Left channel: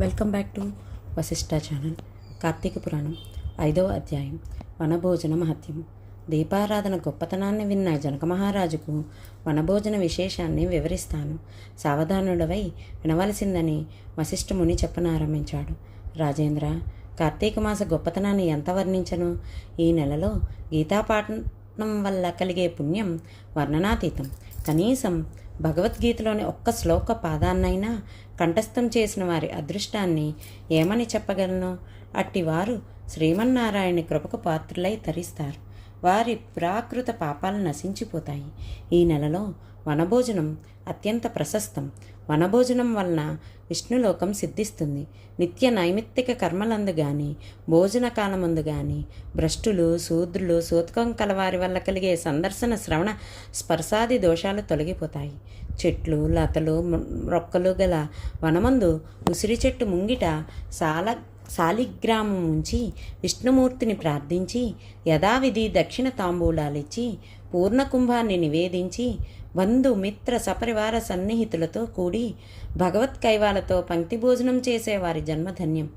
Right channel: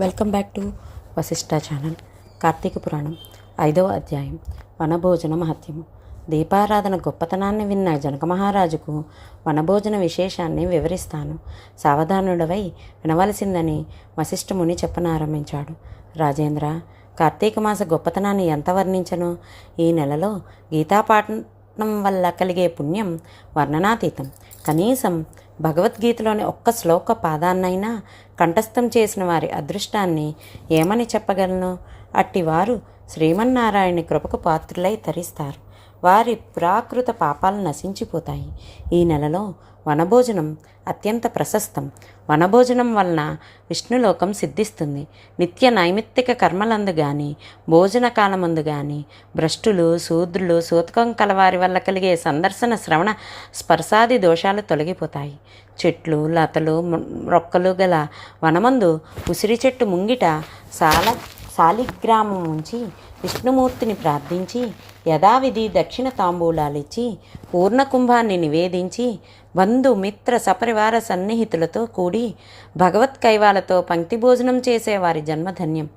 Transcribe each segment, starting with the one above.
Welcome back to Vashishta channel. Karthika Puranam 5వ అధ్యాయం వనభోజన మహత్యము. దీపారాధన గొప్పతనాన్ని విన్న జనక మహారాజుకు వనభోజన విశేషాన్ని వివరిస్తాను, సావధానుడవై వినవలసిందని వశిష్ఠముని చెప్పనారంభించాడు. రాజేంద్ర, కార్తీక మాస గొప్పతనాన్ని ఎంత వర్ణించను? ఈ నెలలో గీతాపాఠనం వల్ల కలిగే పుణ్యం వర్ణనాతీతం. కనీసం భగవద్గీతలోని ఒక్క శ్లోక పాదాన్నైనా కంఠస్థం చేసిన వారి అదృష్టాన్ని ఏమని చెప్పగలను? అట్టివారు శ్రీమన్నారాయణ కృపకు పాత్రులై తరిస్తారు. వారి ప్రాకృత పాపాలు నశించిపోతాయి. ఈ నెలలో వనభోజనం అత్యంత ప్రశస్తం. వనభోజనం వలన విష్ణులోకం సిద్ధిస్తుంది. నిత్య నైమిత్తిక కర్మలందు గాని భోజన కాలమందు గాని భ్రష్టులు శూద్రులు సూతకం కలవారి వల్ల కలిగే సందర్శన శ్రవణ స్పర్శాది దోషాలు తొలగిపోతాయి. చెట్లు లతలు రొక్కలు గల వనమందు ఉసిరి చెట్టు ముంగిట శాలిగ్రామం ఉంచి విష్ణుమూర్తిని ప్రార్థించి యథావిధి దక్షిణ తాంబూలాలిచ్చి పూర్ణకుంభాన్ని నివేదించి బంధు మిత్ర సపరివార సన్నిహితులతో కూడి భగవత్ కైవాలతో పంక్తి భోజనం చేసేవారి జన్మధన్యం.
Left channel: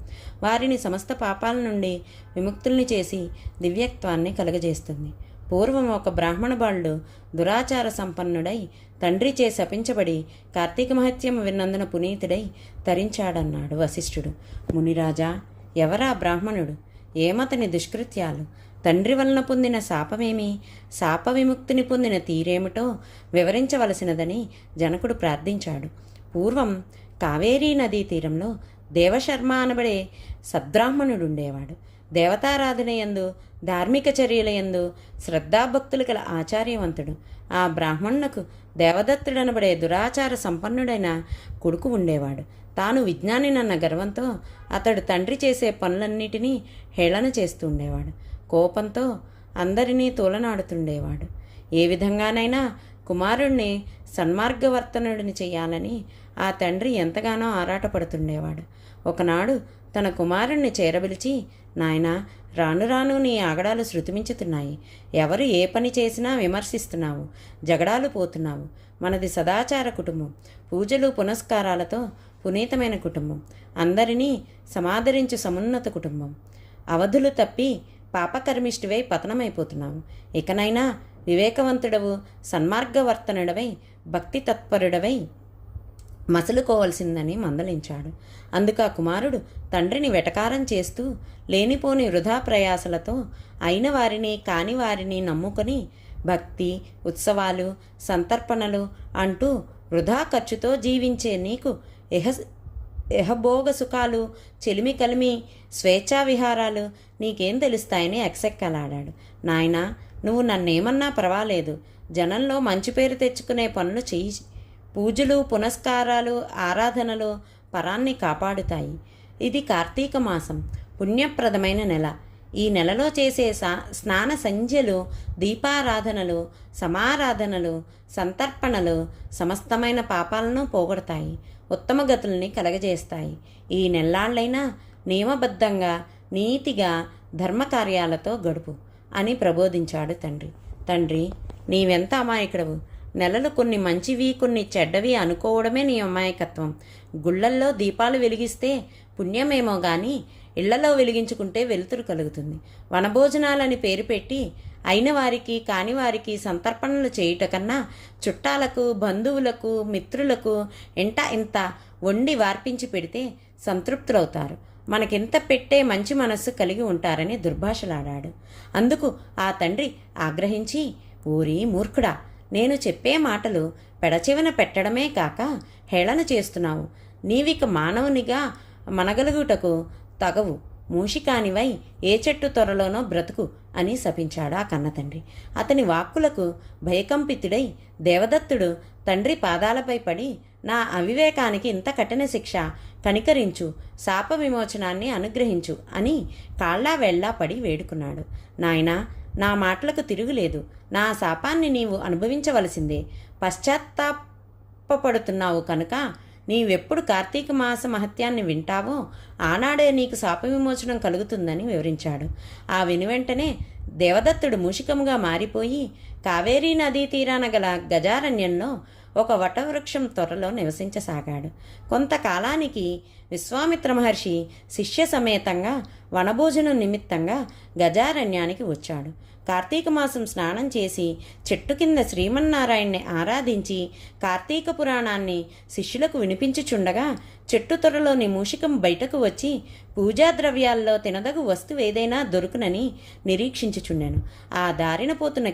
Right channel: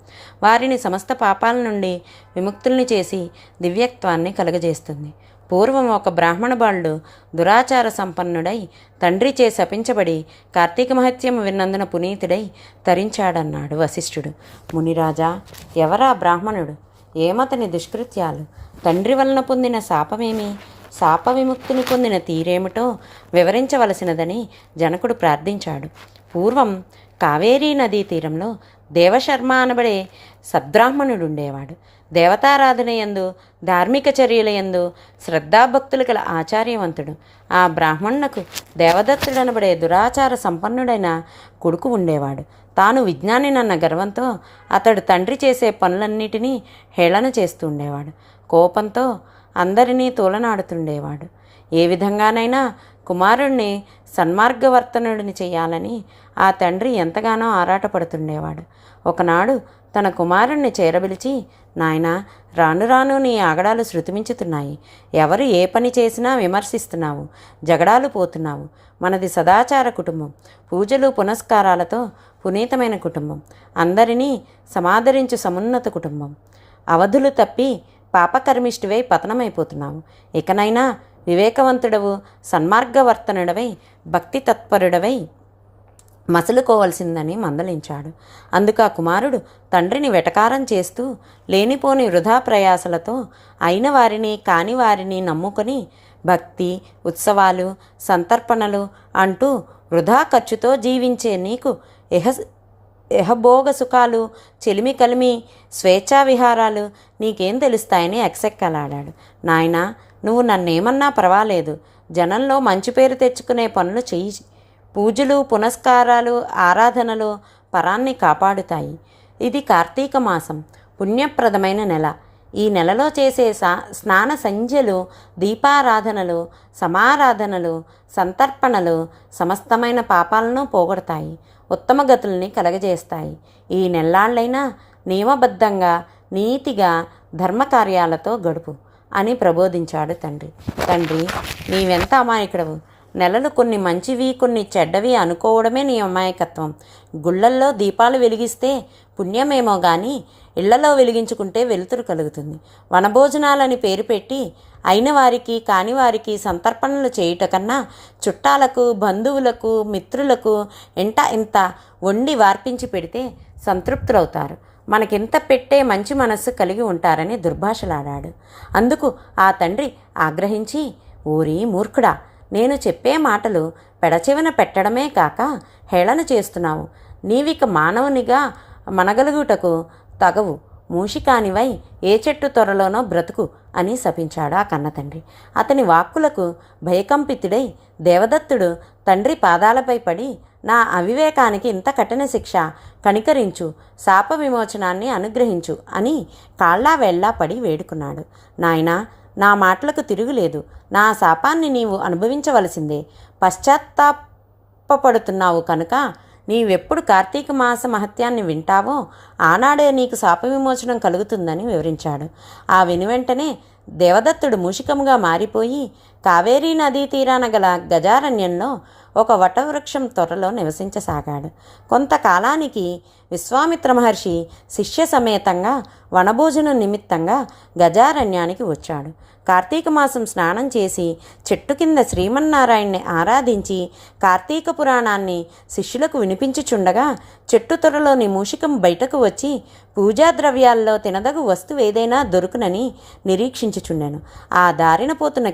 వారిని సమస్త పాపాల నుండి విముక్తుల్ని చేసి దివ్యత్వాన్ని కలుగజేస్తుంది. పూర్వం ఒక బ్రాహ్మణ బాలుడు దురాచార సంపన్నుడై తండ్రిచే శపించబడి కార్తీక మహత్యము విన్నందున పునీతుడై తరించాడన్నాడు వశిష్ఠుడు. మునిరాజా, ఎవరా బ్రాహ్మణుడు? ఏమతని దుష్కృత్యాలు? తండ్రి వలన పొందిన శాపమేమి? శాప విముక్తిని పొందిన తీరేమిటో వివరించవలసినదని జనకుడు ప్రార్థించాడు. పూర్వం కావేరీ నదీ తీరంలో దేవశర్మ అనబడే సద్బ్రాహ్మణుడుండేవాడు. దేవతారాధనయందు ధార్మిక చర్యలయందు శ్రద్ధాభక్తులు గల ఆచార్యవంతుడు. ఆ బ్రాహ్మణునకు దేవదత్తుడనబడే దురాచార సంపన్నుడైన కొడుకు ఉండేవాడు. తాను విజ్ఞానినన్న గర్వంతో అతడు తండ్రి చేసే పనులన్నిటినీ హేళన చేస్తూ ఉండేవాడు. కోపంతో అందరినీ తోలనాడుతుండేవాడు. ఏ విధంగానైనా కుమారుణ్ణి సన్మార్గవర్తనుడిని చేయాలని ఆ తండ్రి ఎంతగానో ఆరాటపడుతుండేవాడు. ఒకనాడు తన కుమారుణ్ణి చేరబిలిచి, నాయనా, రాను రాను నీ ఆగడాలు శృతిమించుతున్నాయి. ఎవరు ఏ పని చేసినా విమర్శిస్తున్నావు, జగడాలు పోతున్నావు. మనది సదాచార కుటుంబం, పూజలు పునస్కారాలతో పునీతమైన కుటుంబం, అందరినీ సమాదరించు సమున్నత కుటుంబం. అవధులు తప్పి పాపకర్మిష్టివై పతనమైపోతున్నావు. ఇకనైనా వివేకవంతుడవు, సన్మార్గవర్తనుడవై, భక్తి తత్పరుడవై మసలుకోవలసిందని మందలించాడు. అందుకు ఆ కుమారుడు తండ్రిని వెటకారం చేస్తూ లేనిపోని వృధా ప్రయాసలతో అయిన వారిని కాని వారిని నమ్ముకొని భక్తి ఉత్సవాలు సంతర్పణలు అంటూ వృధా ఖర్చుతో జీవించే నీకు ఎహభోగ సుఖాలు, చెలిమి కలిమి, స్వేచ్ఛా విహారాలు నీకేం తెలుస్తాయని ఎక్సెక్కలాడాడు. నాయనా, నువ్వు నన్నేమన్నా పర్వాలేదు, జనంలో మంచి పేరు తెచ్చుకునే పనులు చెయ్యి. పూజలు పునస్కారాలు ఆరాధనలు పరాన్ని కాపాడుతాయి. ఇది కార్తీక మాసం, పుణ్యప్రదమైన నెల. ఈ నెలలో చేసే స్నాన సంధ్యలు, దీపారాధనలు, సమారాధనలు, సంతర్పణలు సమస్తమైన పాపాలను పోగొడతాయి, ఉత్తమ గతుల్ని కలగజేస్తాయి. ఈ నెల్లాళ్ళైనా నియమబద్ధంగా నీతిగా ధర్మకార్యాలతో గడుపు అని ప్రబోధించాడు తండ్రి. తండ్రి, నీవెంత అమాయకుడవు! నెలలు కొన్ని మంచివి కొన్ని చెడ్డవి అనుకోవడమే నీ అమాయకత్వం. గుళ్ళల్లో దీపాలు వెలిగిస్తే పుణ్యమేమో కానీ ఇళ్లలో వెలిగించుకుంటే వెలుతురు కలుగుతుంది. వనభోజనాలని పేరు పెట్టి అయిన వారికి కాని వారికి సంతర్పణలు చేయుట కన్నా చుట్టాలకు బంధువులకు మిత్రులకు ఇంత వండి వార్పించి పెడితే సంతృప్తులవుతారు. మనకింత పెట్టే మంచి మనస్సు కలిగి ఉంటారని దుర్భాషలాడాడు. అందుకు ఆ తండ్రి ఆగ్రహించి, ఓరి మూర్ఖుడా, నేను చెప్పే మాటలు పెడచెవిన పెట్టడమే కాక హేళన చేస్తున్నావు. నీవిక మానవునిగా మనగలుగుటకు తగవు. మూషికానివై ఏ చెట్టు త్వరలోనో బ్రతుకు అని శపించాడు ఆ కన్నతండ్రి. అతని వాక్కులకు భయకంపితుడై దేవదత్తుడు తండ్రి పాదాలపై పడి, నా అవివేకానికి ఇంత కఠిన శిక్ష కనికరించు, శాప విమోచనాన్ని అనుగ్రహించు అని కాళ్ళా వేళ్ళా పడి వేడుకున్నాడు. నాయనా, నా మాటలకు తిరుగులేదు. నా శాపాన్ని నీవు అనుభవించవలసిందే. పశ్చాత్తాపడుతున్నావు కనుక నీవెప్పుడు కార్తీక మాస మహత్యాన్ని వింటావో ఆనాడే నీకు శాప విమోచనం కలుగుతుందని వివరించాడు. ఆ వెనువెంటనే దేవదత్తుడు మూషికముగా మారిపోయి కావేరీ నదీ తీరాన గల గజారణ్యంలో ఒక వటవృక్షం త్వరలో నివసించసాగాడు. కొంతకాలానికి విశ్వామిత్ర మహర్షి శిష్య సమేతంగా వనభోజనం నిమిత్తంగా గజారణ్యానికి వచ్చాడు. కార్తీక మాసం స్నానం చేసి చెట్టు కింద శ్రీమన్నారాయణ్ణి ఆరాధించి కార్తీక పురాణాన్ని శిష్యులకు వినిపించుచుండగా చెట్టు త్వరలోని మూషికం బయటకు వచ్చి పూజా ద్రవ్యాల్లో తినదగు వస్తువేదైనా దొరుకునని నిరీక్షించుచుండెను. ఆ దారిన పోతున్న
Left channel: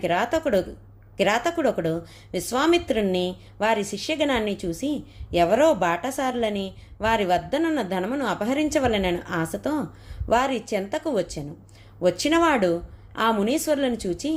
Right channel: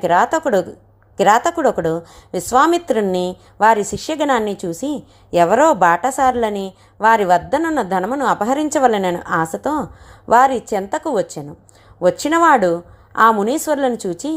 కిరాతకుడొకడు విశ్వామిత్రుణ్ణి వారి శిష్యగణాన్ని చూసి ఎవరో బాటసారులని వారి వద్దనున్న ధనమును అపహరించవలనని ఆశతో వారి చెంతకు వచ్చెను. వచ్చినవాడు ఆ మునీశ్వరులను చూచి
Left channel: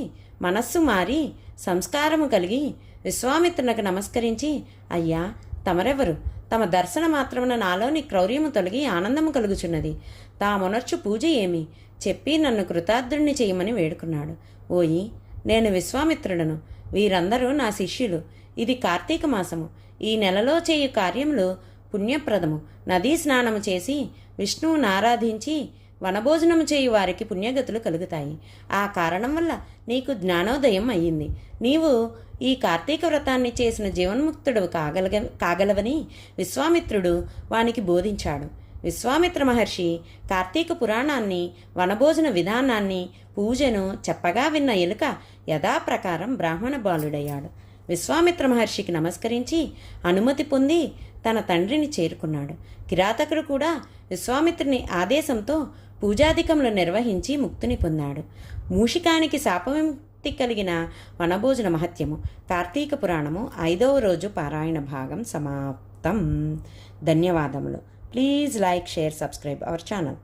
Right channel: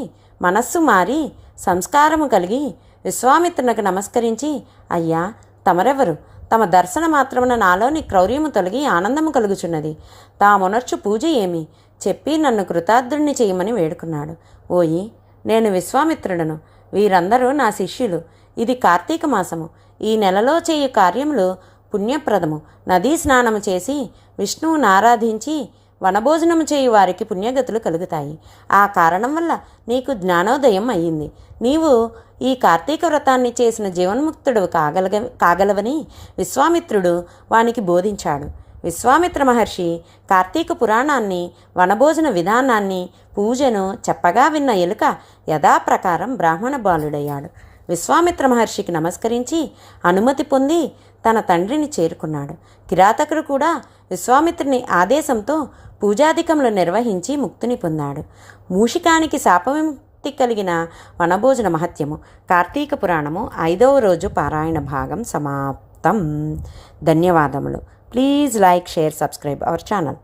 మనస్సు మారి సంస్కారము కలిగి విశ్వామిత్రునికి నమస్కరించి, అయ్యా, తమరెవరు? తమ దర్శన మాత్రమున నాలోని క్రౌర్యము తొలగి ఆనందము కలుగుచున్నది. తామునర్చు పూజ ఏమి చెప్పి నన్ను కృతార్థుణ్ణి చేయమని వేడుకున్నాడు. ఓయి, నేను విశ్వామిత్రుడను. వీరందరూ నా శిష్యులు. ఇది కార్తీక మాసము. ఈ నెలలో చేయు కార్యములు పుణ్యప్రదము. నదీ స్నానము చేసి విష్ణువును ఆరాధించి వనభోజనము చేయు వారికి పుణ్యగతులు కలుగుతాయి. ఆ కారణం వల్ల నీకు జ్ఞానోదయం అయ్యింది. నీవు ఈ కార్తీక వ్రతాన్ని చేసిన జీవన్ముక్తుడు కాగలవని విశ్వామిత్రుడు వానికి బోధించాడు. విశ్వామిత్ర మహర్షి కార్తీక పురాణాన్ని, వనభోజన విధానాన్ని, పూజను చెప్పగా విన్న ఎలుక యథాప్రకారం బ్రాహ్మణ బాలుడయ్యాడు. విశ్వామిత్ర మహర్షికి నమస్కరించి అనుమతి పొంది తన తండ్రిని చేరుకున్నాడు. కిరాతకుడు కూడా విశ్వామిత్రుని ఆదేశంతో పూజాధికములు నిర్వహించి ముక్తిని పొందాడు. మూషికానికి శాపవిముక్తి కలిగిన వనభోజన మహత్యము. కార్తీక పురాణము 5వ రోజు పారాయణ భాగం సమాప్తం. ధన్యవాదములు. Please like, share, subscribe our channel.